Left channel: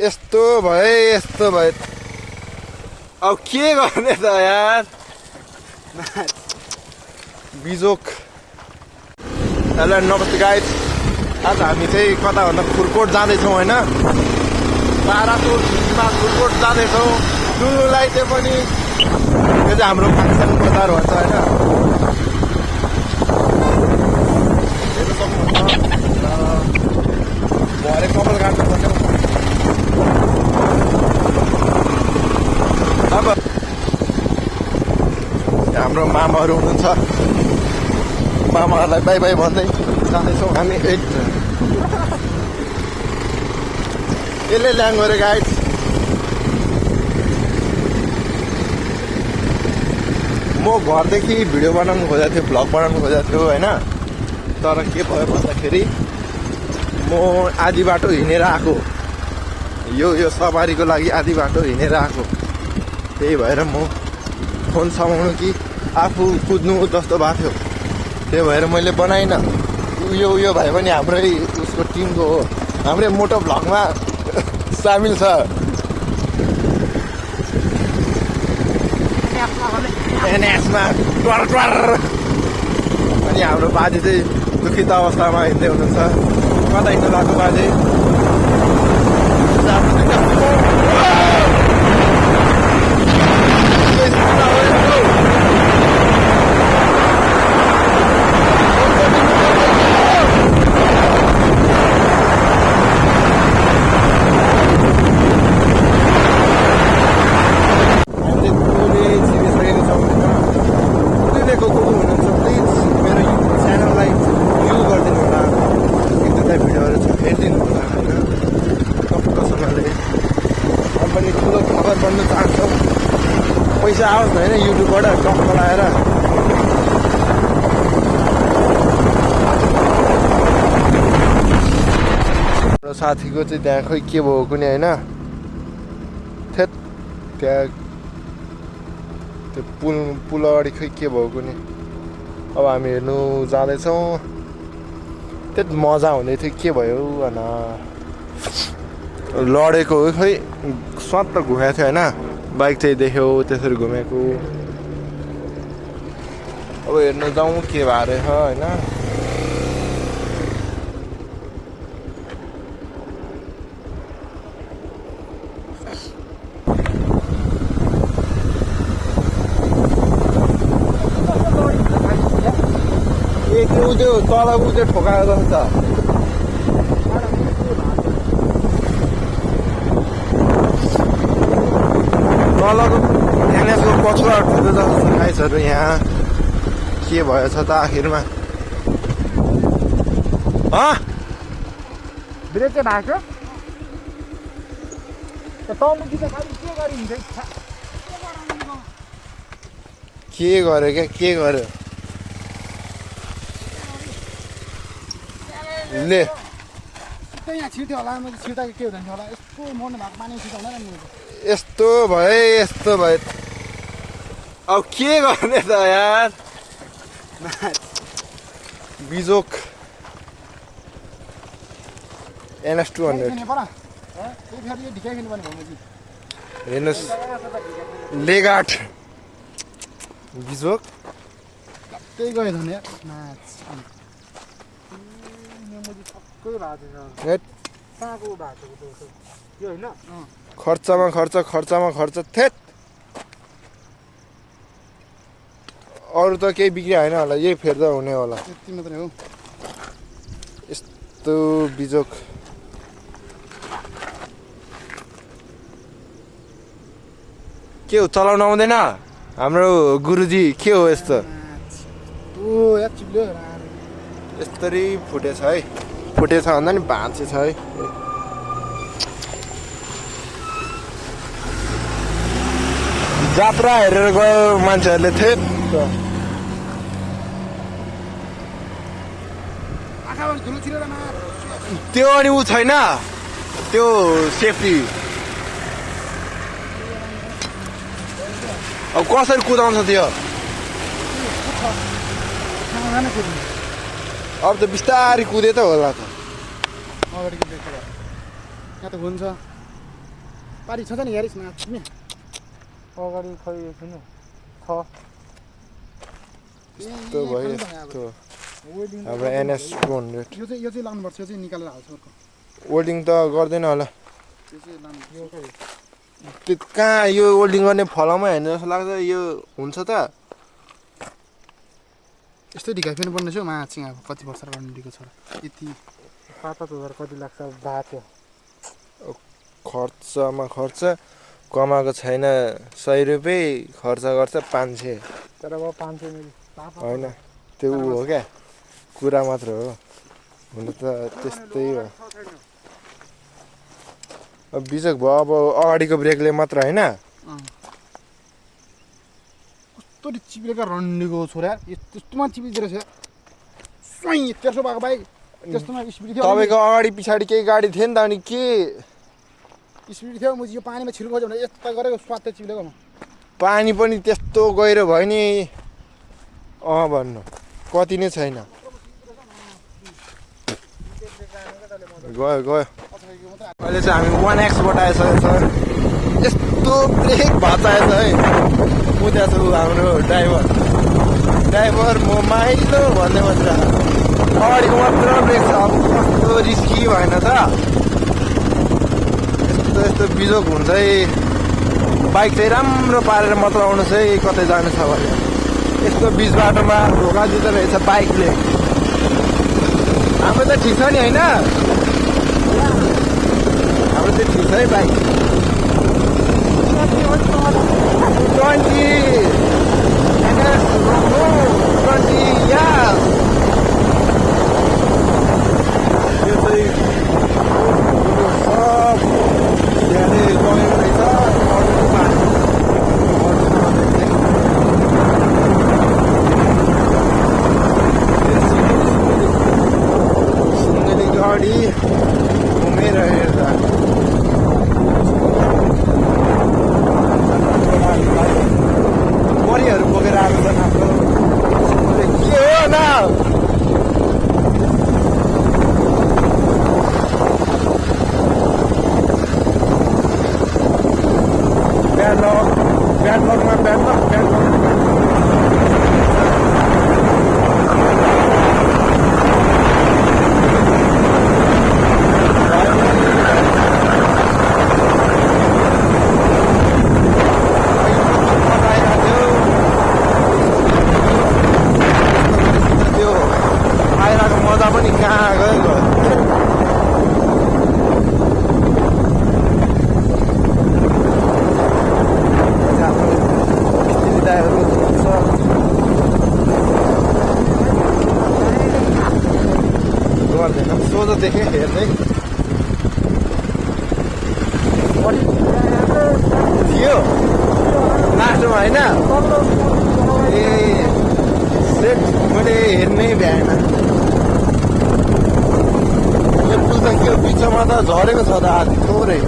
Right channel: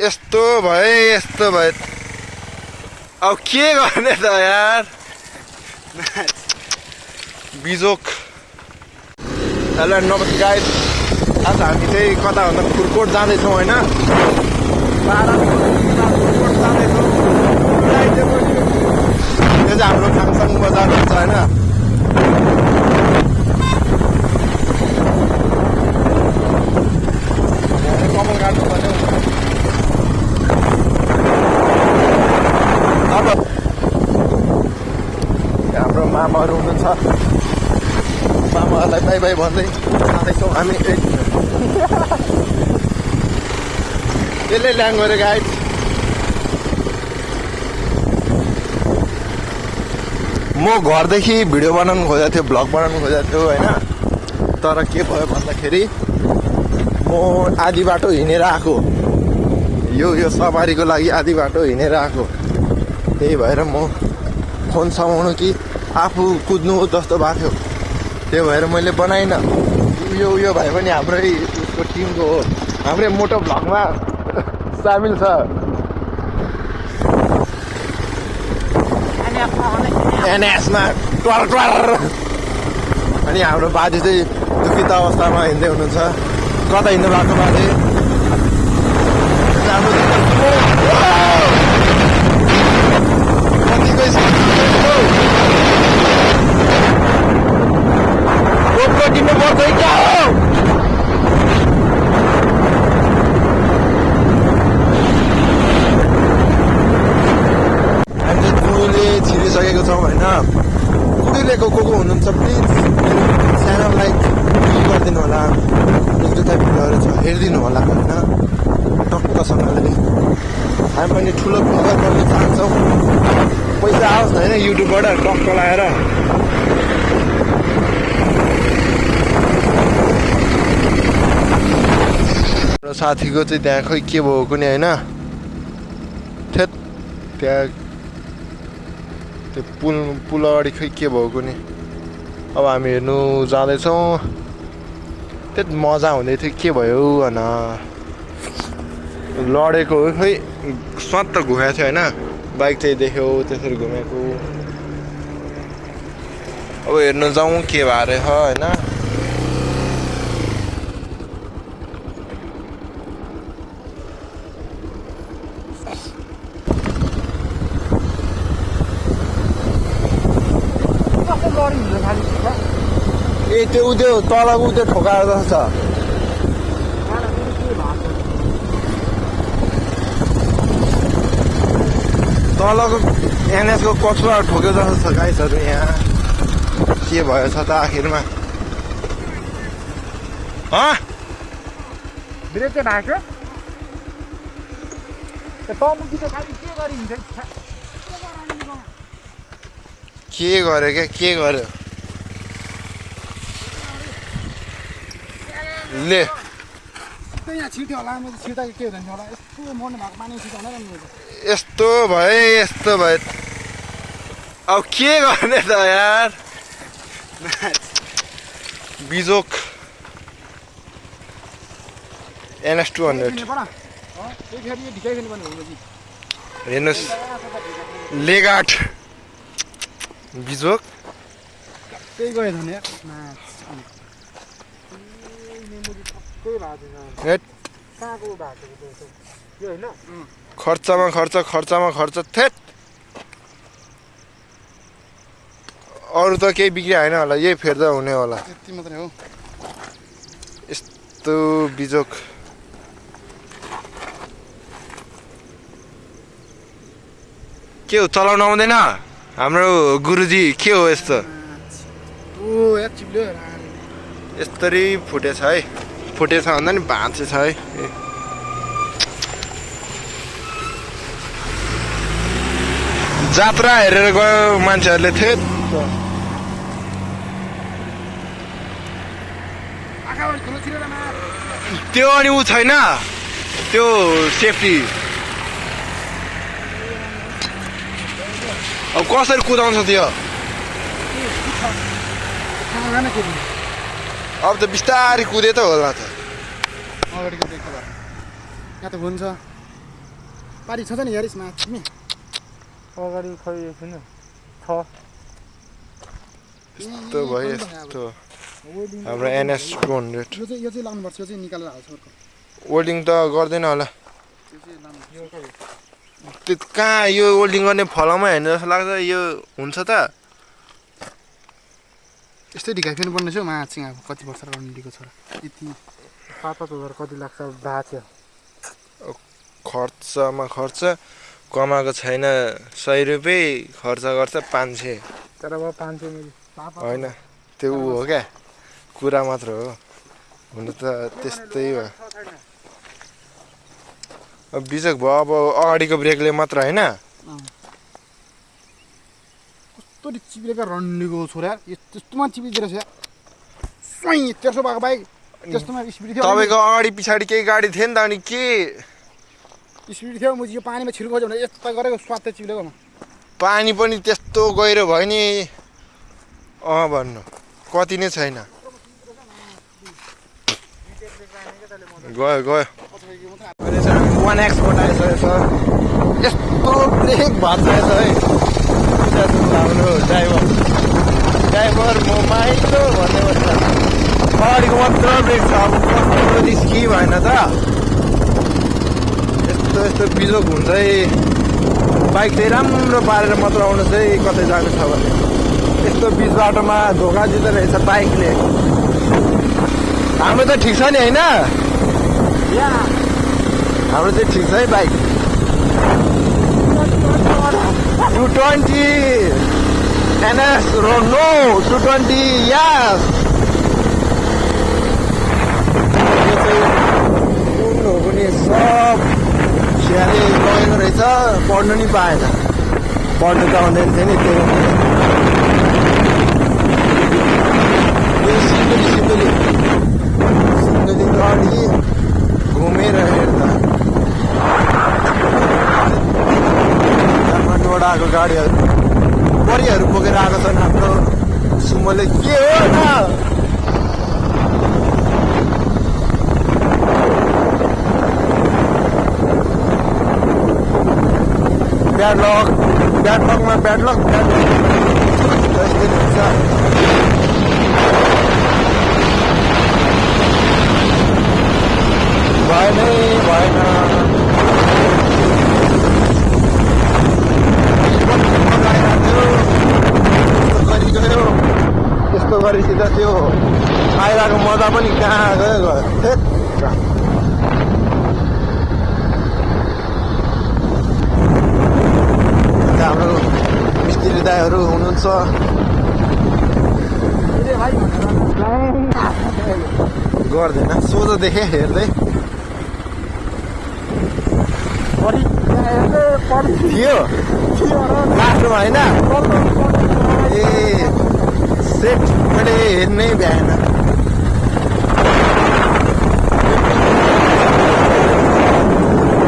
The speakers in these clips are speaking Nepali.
यस्तो भए अब के गर्ने त यार बिजोक। हेलो नमस्ते गाइस, आज हामी चाहिँ कता भन्दा खुरकोट जाँदैछौँ होइन, तारापुरमा खुरकोट जाँदैछौँ। टुलुलाई चाहिँ पनि यो चाहिँ हाम्रो फाङसाङ बजार भन्छ होइन। कमल गाड्नुपर्छ। हाम्रो मामाहरू हुनुहुन्छ, मामाहरूलाई बाई बाई भन्दै जाँदैछौँ हामी। यसले ल्याङ गरे गाइस। म घरदेखि भिडियो बनाउनु खोजेको थियो, भ्लग बनाउनु खोजेको थियो होइन, तर के भयो भन्दाखेरि म आधी बाटो हिँडेर आएको, यो सवारीको लागि आधी बाटो हिँडेर आएको। त्यही भएर म फोन समाउनु कि आफू कुद्नु जस्तो भएको थियो, त्यही भएर मैले बनाइनँ। उयो भाइ पनि हाम्रै उसको टिमको हो, हाम्रै मोटो भ्लगमा सामेल छ। एनएसमा ट्वार अनि हाम्रो बाजे चाहिँ दुखित अवस्थामा हिँड्दै हुनुहुन्छ। कता हिँड्नु भएको बाजे? छिरिसकेको छौँ होइन। पुगिरहेको को हुनुहुन्छ प्लिज च्यानललाई क्लिक गरिदिनु होला, एक दुईवटा भिडियोहरू छ हेरिदिनु होला होइन। टक्कसँगले हामी पनि ठुलो ब्लगर बन्न चाहन्छौँ, पैसा आओस् न होइन युट्युबबाट टक्क लगाएर। र साथीको चाहिँ त्यहाँ खोइ के भयो कुनै होइन, थेत त्यहाँ त्यो पुल अगाडि खै के भयो कुनै। अब हामी हेर्नु जाँदैछौँ, त्यति मजा हुँदै थियो, के भयो होइन लडेको हो खै स्वाद त घुमेको थियो होइन। बाइक चाहिँ देख्यो त्यसरी घुमेको। अब हेर्नु जाउँ के भएर छ होइन। ए त्यो तल त्यो ठोकाएर जस्तो छ। तलको एनएसको कचुवा ठोक्यो जस्तो छ गाइसहरू। यहाँ के भएछ त आखिरमा? ब्रेक चाहिँ ढाक्यो। के गर्यो क्या, के गर्यो ले? यहाँ छिट्यो होला, मैले छिर्दा के हुँदैन होला। यस्तो मर्नु भएको माने छिटो होइन। यस्तो भए अब के गर्ने त यार बिजोक। NS 200 हेर्नुहोस्, लेगाट बिजोक। त्यही गयो भने खर्चमा खर्च थेत। अरू त केही बिग्री होइन होला, यही फेर्दा हुने होला। त्यति मात्रै हो। यस्तो बिजोक। के हो चलाउनु आउँदैन हाम्रो गुरुजी? के हो यस्तो? यस्तरी फुटेछ है, फुटेछ भन्दा नि भाँचेछ है। जात्रा हेरेर गयो मान्छेहरूले थिए त्यो। अनि ऊ छैन त्यो सेफ्टी। अब कसरी कुदाउँछ त्यो? अब त बिस्तारै कुदे त होला त। अगाडिको देखेर यहाँ त हुन्छ पारी छ नि यारिसमा तिमी अगाडि खै छैन छ यस्तो भयो यस्तो हाम्रो NS 200 यो चाहिँ लाउनुपर्छ यो चाहिँ निकालेर हाल्छ अर्को वेल्डिङ त गर्दैन होला यो चाहिँ लाउनु त्यो कहाँ यो वेल्डिङ गर्ने फलाउमै होइन जस्तो लाग्छ यो हुन्छ त यस्तै ढिकाइ फेर्नु पर्ने छ मा चाहिँ अब कति वर्ष रन्डीको छ यति 7,000 कति लाग्छ भएको थियो खर्चमा खर्च कमाएको छैन 100 रुपियाँ खर्च गर्छ 500 तर अब 500 मिली होइन त्यो ऊ हो क्या कुरा मात्र हो हुन त त्यस्तै हो अब बिजक भयो अब अगाडिको ब्रेकले मात्र होइन कस्तो चिप्लेका रन्डीको छोरा त्यस्तोमा चिपिँदो रहेछ स्वैँ तेर्सो भएको भाइ त्यस्तोमा स्पिड थियो तपाईँको अगाडि पछाडि केही गाडी थियो नि त अनि के स्पिड थियो म यो पानीमा छिर्नु खोज्यो भने यस्तो गरेको स्वाद चिप्लेको पानी पनि त्यस्तो गहिरो भयो नि भन्नु कति नै छैन गयो अहिले चाहिँ हामी 1X बाट आइसकेको छ यस्तो ब्रेक भाँचाएछ है बुझाएको हाम्रो ड्राइभर म माइलो भन्ने भन्छ अगाडिको मात्र ब्रेक छ अब कस्तो रिस्की भएन त यस्तो बिजोक हुन्छ है बाइक चाहिँ राम्रो पारेर मात्र आउनु चाहिँ कतै जानु छ भने यस्तो बिच बाटोमा धोका दिँदो रहेछ बाइकले हाम्रो त ठिक छ नि होइन हाम्रो चाहिँ ठिक छ है बाइक 220 NS no 220 yes यो चाहिँ सब स्याहारी लगेको रहेछ पढ्नु नि पाएन पढ्नु पाउँदै थियो नि त्यो सिन्देली गाडी घुमेर हेर्दा जापानबाट आएको गाडीहरू परिहरू बोकेर आएको छन् हाम्रो सुमोले के हो न ब्याडलकमा ब्याडलक त्यो आइरहेको मजा पनि कहाँ गयो हाम्रो स्त्री दाईहरू हुनुहुन्छ गर्दैन सोझो देखेँ हेर्दै थियो लास्टमा होइन ए सेट मैले हेर्नै भ्याएन झरेको छ हात पुरै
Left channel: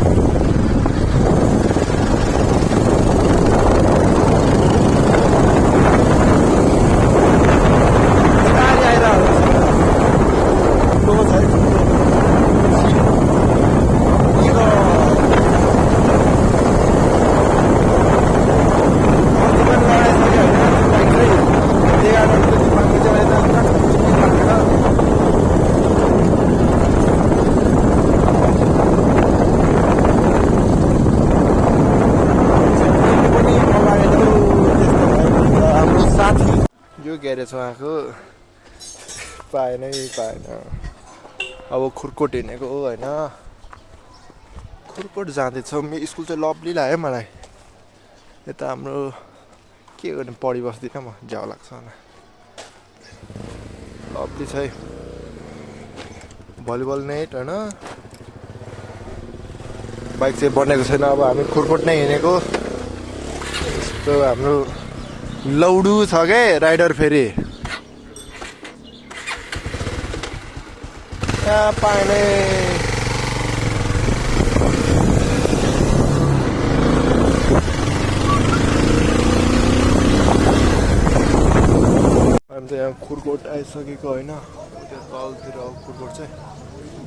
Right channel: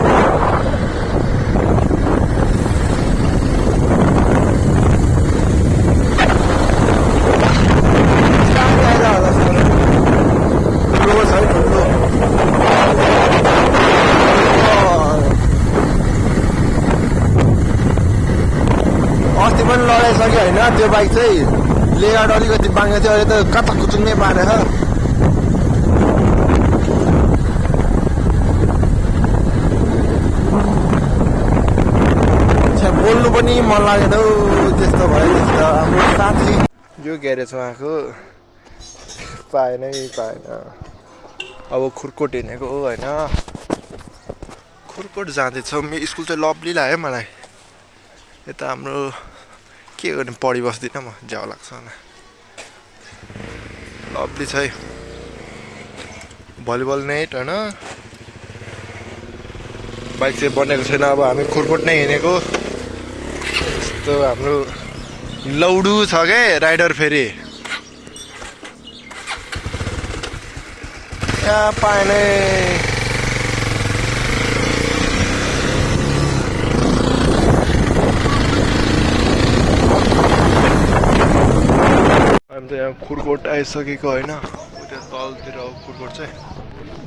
अस्ति पनि लडाइसक्यो होइन त्यो बाइक चाहिँ लेआउट अलिकति बाङ्गो थियो अहिले त काँचो कुचुङ्गै बाँधेको बोल्नु पनि मन लागेन हौ त्यस्तो भयो त्यस्तो हाम्रो साथी यो ग्यारेजमा आएको पाएनै पाएन अब खुर्कोट हिँडेको होइन खुर्कोट जाँदैछौँ मेरो स्कुल चाहिँ लभली लाग्यो मलाई यता हाम्रो के गर्ने पढि बस्दिनँ म झ्याउ लाग्छ होला लभली छ है भलिबल नेट होइन बाइक चाहिँ बनेको छैन अब हामी खुर्कोट नै हिँडेको यस्तो हाम्रो लौडु छ क्या राइडर फेरि यहाँ पाएनै हामी त यहाँ खुर्कोट आइसकेको होइन त्यो तलतिर खुर्कोट चाहिँ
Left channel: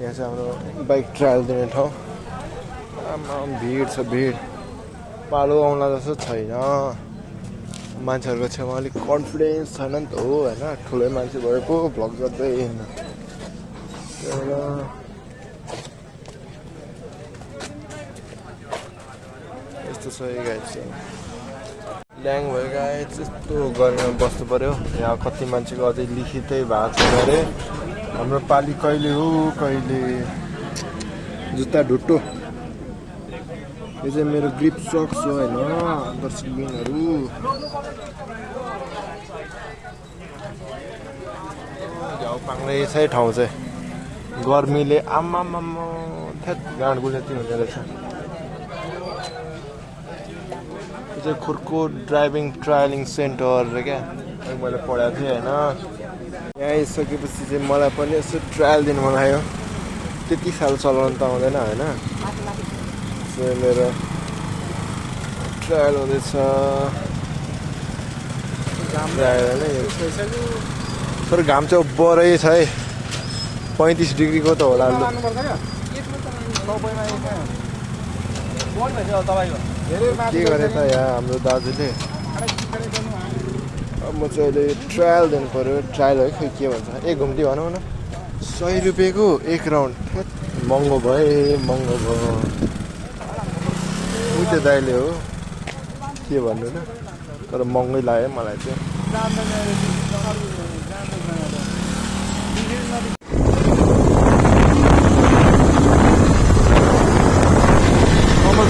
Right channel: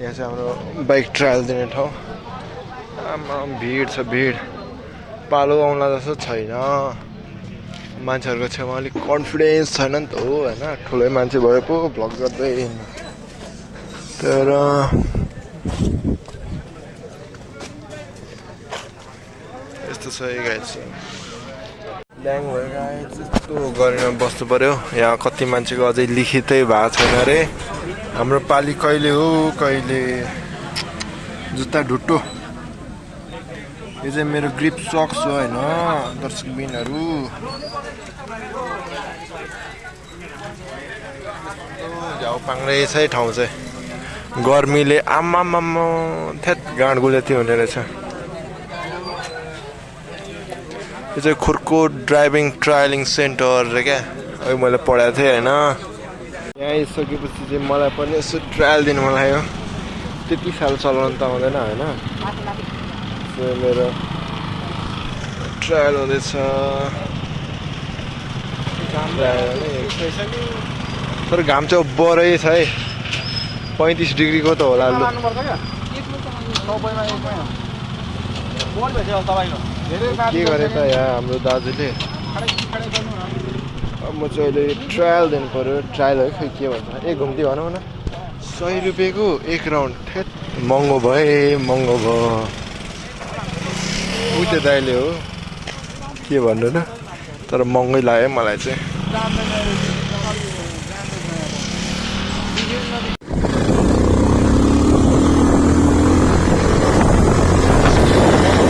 यहाँ चाहिँ हाम्रो बाइक ट्रायल दिने ठाउँ आमा भिड छ भिड पालो आउला जस्तो छैन मान्छेहरूको छेउमा अलिक कन्फिडेन्स छैन नि त हो होइन ठुलै मान्छे भए पो भ्लग गर्दै तर यस्तो छ गाइस ल्याङ भयो गाइस यस्तो गरेर बस्नु पर्यो यहाँ कति मान्छेको अझै लिखितै भएको छैन अरे हाम्रो पाली कहिले हो कहिले जुत्ता ढुट्टो यो चाहिँ मेरो ग्रिप सक्स हो होइन दर्शकबिनहरू झ्याउ पाङ्रै छ ठाउँ चाहिँ गर्मीले आमामामा थेत गाँड गुलेती हुने रहेछ यो चाहिँ खुर्को ड्राइभिङ ट्रायलिङ सेन्टर रे क्या अहिले मैले पढाएको थिएँ होइन यहाँ आइसकेपछि चाहिँ मलाई पनि यसो ट्रायल दिनु मन लाग्यो त्यति साल चलाउनु त आउँदैन होइन मेरो ट्रायल हुँदैछ तर घाम चाहिँ बरै छ है 35 डिग्रीको त होला लु के गरे त यहाँ हाम्रो दाजुले अब म चाहिँ अहिले ट्रायल दिनु पऱ्यो ट्रायल है खै के भन्छ ए घुम्ती भनौँ न 100 रुपियाँको एक राउन्ड ठेट महँगो भयो उ त्यो दाइले हो के भन्नु न तर महँगै लाग्यो मलाई चाहिँ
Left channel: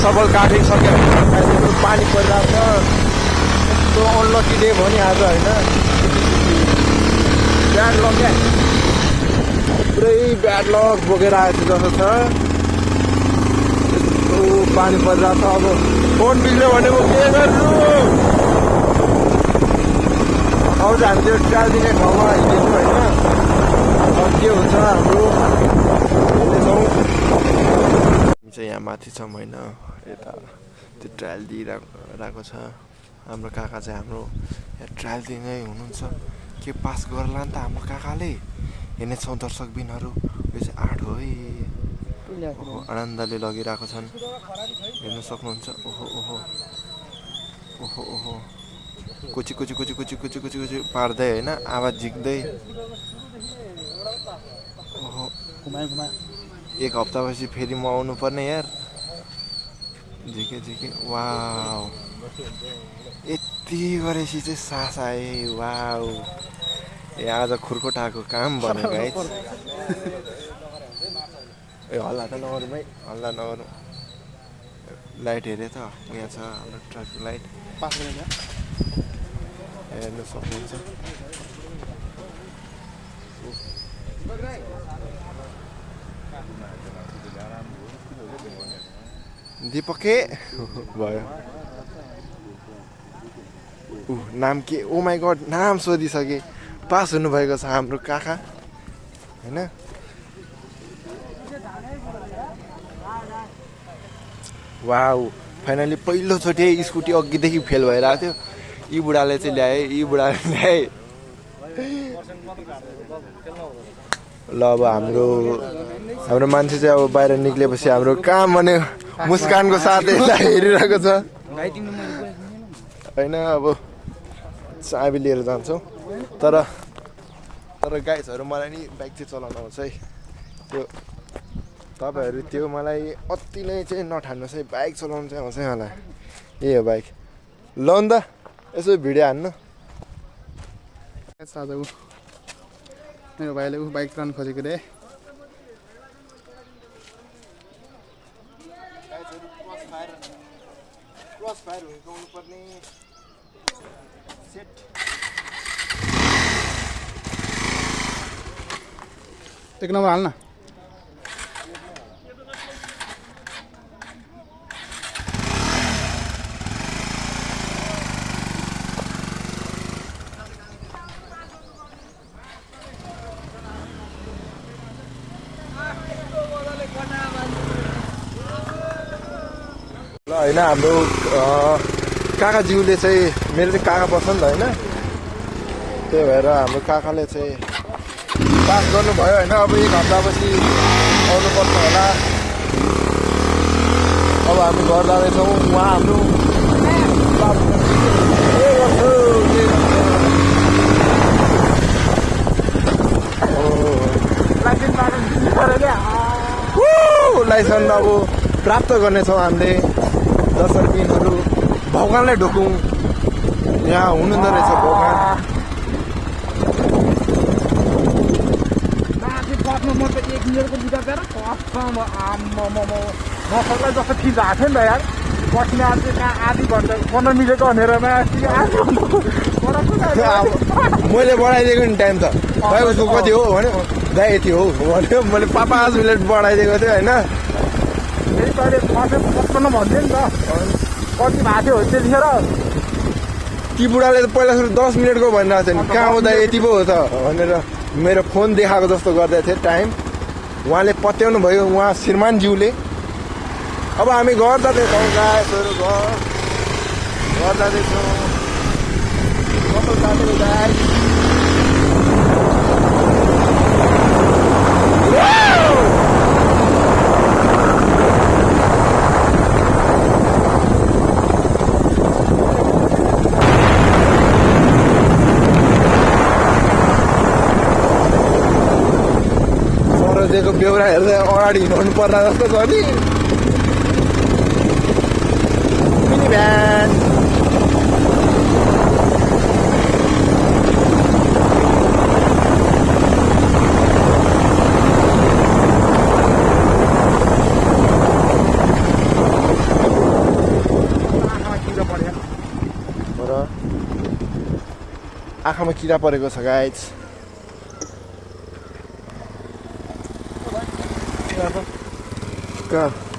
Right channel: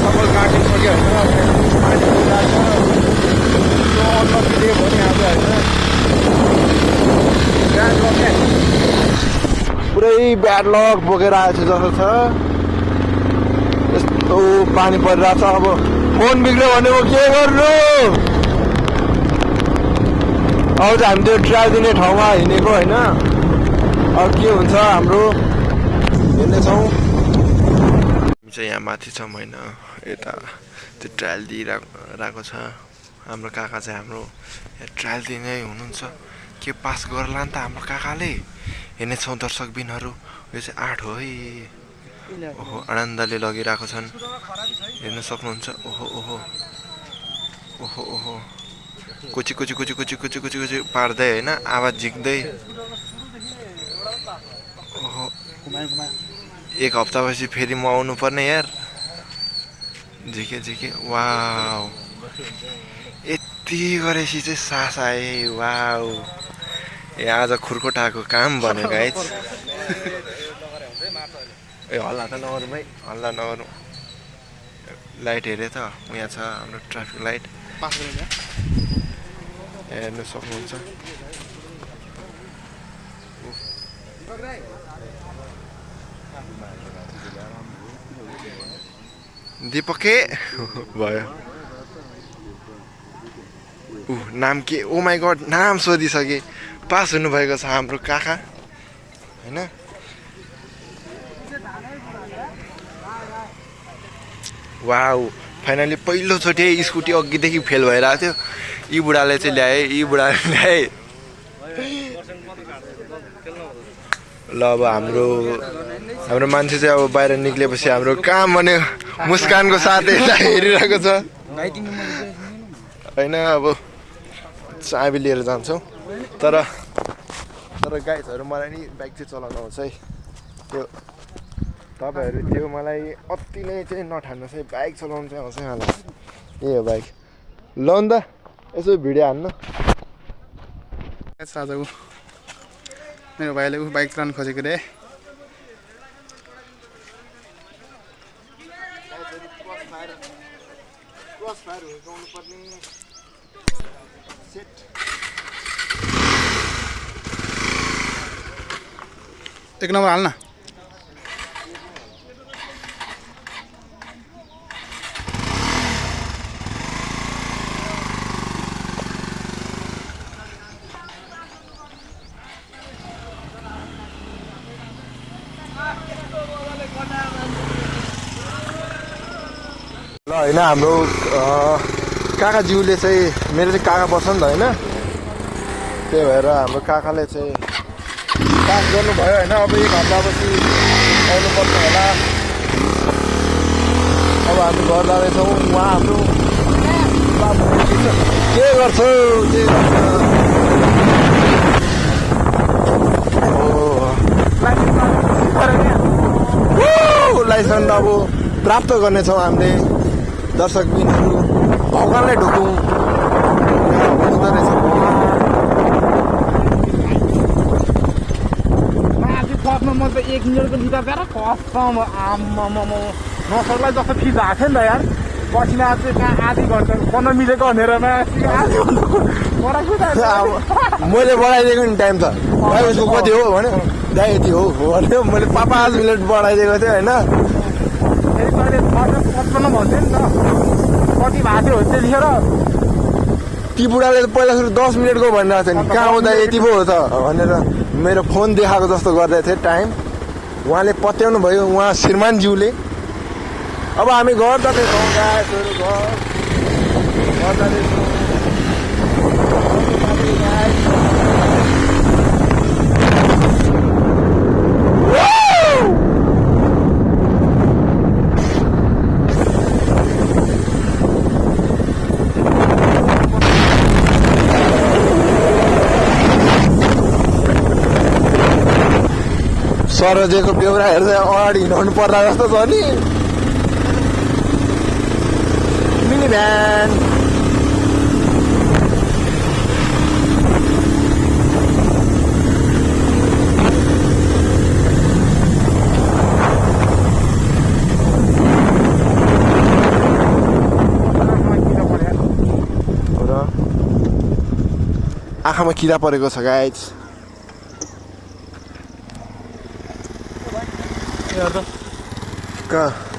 सबल काटिसक्यो पानी परिरहेको छ त्यो अनलकीले भयो नि आज होइन ब्याड लक क्या पुरै ब्याड लक बोकेर आएको जस्तो छ यस्तो पानी परिरहेको छ अब फोन बिग्यो भने म के गर्नु अहिले त हामी त्यो ट्राई दिने ठाउँमा हिँडेको होइन अब के हुन्छ हाम्रो हेर्नेछौँ हामी चाहिँ यहाँ माथि छौँ होइन यता त्यो ट्रायल दिइरहेको छ हाम्रो काका चाहिँ हाम्रो यहाँ ट्रायल दिने हुनुहुन्छ के पास गर्ला नि त हाम्रो काकाले हेर्नेछौँ दर्शकबिनहरू यो चाहिँ 8 हो है ओहो आनन्दले लगिरहेको छन् हेर्न सक्नुहुन्छ ओहो ओहो ओहो ओहो कुची कुची कुची कुची कुची कुची कुची पार्दै होइन आवाज झिक्दै ओहो 1 हप्तापछि फेरि म आउनु पर्ने यार झिके झिके वाउ यति गरेपछि चाहिँ सास आए वाउ ए आज खुर्कोटाको काम भनेको गाइस ए हल्ला त नगरौँ है हल्ला नगरौँ लाइट हेरे त यहाँ छ हाम्रो ट्राफिक लाइट हेर्नु सक्नुहुन्छ दीपके भयो नाम के ओ माई गड नाम सोधिसके पास हुनुभएको छ हाम्रो काका होइन वाउ फाइनली पहिलोचोटि स्कुटी अघिदेखि फेल भइरहेको थियो यी बुढाले चाहिँ ल्याए यी बुढाले ल्याए ल अब हाम्रो मान्छे चाहिँ अब बाहिर निक्लेपछि हाम्रो काम भने मुस्कानको साथ यता हेरिरहेको छ होइन अब चाबी लिएर जान्छौँ तर गाइजहरू मलाई नि बाइक चाहिँ चलाउनु आउँछ है त्यो तपाईँहरू त्यो मलाई अति नै चाहिँ नठान्नुहोस् है बाइक चलाउनु चाहिँ आउँछ मलाई यही हो बाइक ल नि त यसो भिडियो हान्नु आजको मेरो भाइले बाइक चलाउनु खोजेको रे एक नम्बर हाल्न ल होइन हाम्रो काकाज्यूले चाहिँ मेरो चाहिँ काका पर्छ नि त होइन त्यही भएर हाम्रो काकाले चाहिँ पास गर्नुभयो होइन अब 1 हप्तापछि आउनुपर्छ होला हामी घर जाँदैछौँ। उहाँ हाम्रो के गर्छौ के लाइसेन्स अब प्राप्त गर्नेछौँ हामीले। दर्शक बिनहरू भगवानलाई ढोकौँ, यहाँ हुनुहुँदो रहेछ भगवान। म त 1 मिनटको बिदा गरेर कसम त्यसलाई जस्तो फिल भएको नि त यार बसिना चाहिँ आधी घन्टा फोन मिलेको भनेरमा अब मैले बढाइदिएको नि टाइम त, दाइ उसको कति हो भन्यो, दाइ यति हो भन्यो। मैले 5 मिनट बढाइदिएको थिएँ होइन। ती बुढाले त पहिला सुरु 10 मिनटको भनिरहेको थियो नि, कहाँ हो दाइ यति पो हो त भनेर मेरो फोन देखाएको जस्तो गर्दै थिएँ टाइम। उहाँले पत्याउनु भयो, उहाँ श्रीमानज्यूले। अब हामी घर जाँदैछौँ, गाईहरू घर जाँदैछौँ। सरोजेको बेहोराहरू चाहिँ अगाडि हिँडाउनु पर्ला जस्तो छ नि। मिनी भ्यान आँखामा किरा परेको छ गाइज।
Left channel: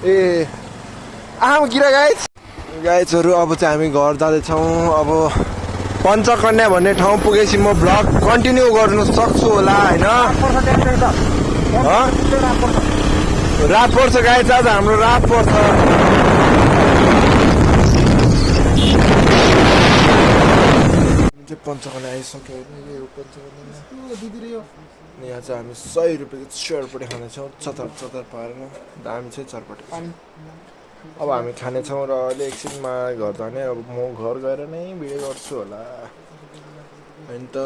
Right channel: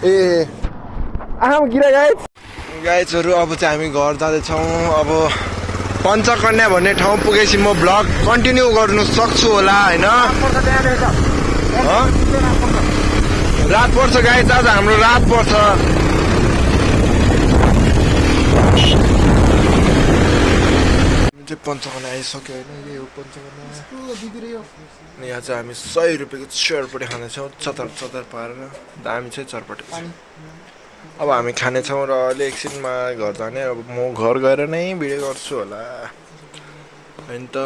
ए आँखामा किरा गाइजहरू। अब चाहिँ हामी घर जाँदैछौँ। अब पञ्चकन्या भन्ने ठाउँ पुगेपछि म भ्लग कन्टिन्यू गर्नु सक्छु होला होइन। रात पर्छ गाइज, आज हाम्रो रात पर्छ। पञ्चकन्या आइसक्यो होइन। यही हो पञ्चकन्या। अनि यहाँ चाहिँ हामी 100 रुपियाँको चरपटी खानेछौँ, चतर पारेर। दामी चाहिँ चरपटी। अब हामी खानेछौँ र अहिले एकछिनमा घर जाने। अब म घर गएर नै भिडियो गर्छु होला होइन त।